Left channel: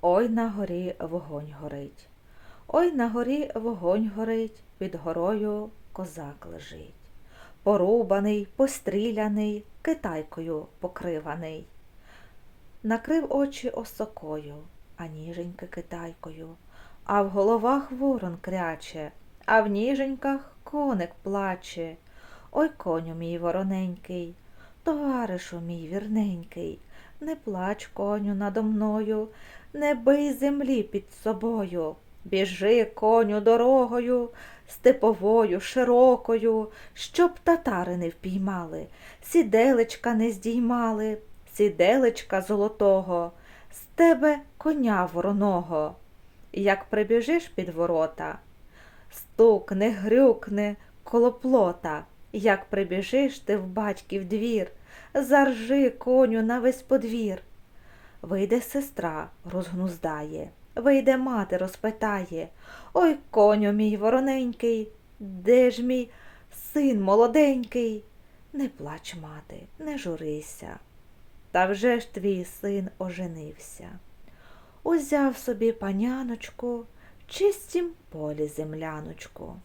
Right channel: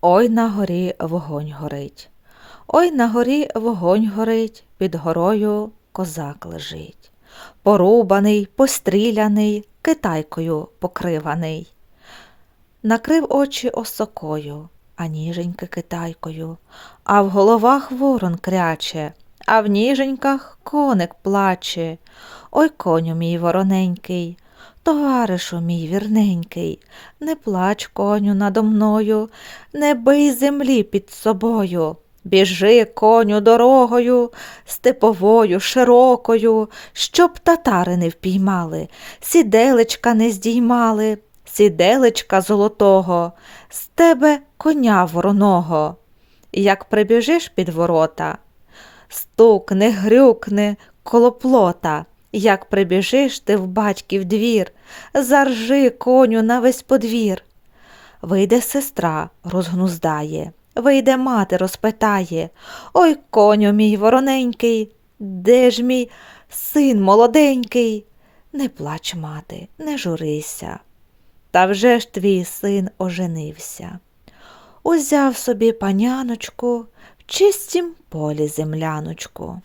Ой на горі вогонь горить. Ой на горі вогонь горить, під горою козак лежить. Порубаний, постріляний, китайкою покриваний. Накрив очі осокою, а ніженьки китайкою, а в головах ворон кряче, а в ніженьках коник плаче. Ой, коню мій вороненький, товаришу мій вірненький, не плач, коню надо мною, не бий землі під собою. Біжи, коню, дорогою, степовою, широкою, щоб татари не впіймали, сіделечка не здіймали, сіделечка золотого, з тебе коня вороного. Як прибіжиш під ворота, стукне, грюкне коло плота. Як прибіжиш ти в батьків двір, заржи коню на весь подвір. Вийде сестра, розгнуздає, вийде мати, розпитає. Ой, коню мій вороненький, де ж мій син молоденький? Не плач, мати, не журися. Та вже ж твій син оженився. Узяв собі паняночку в чистім полі земляночку.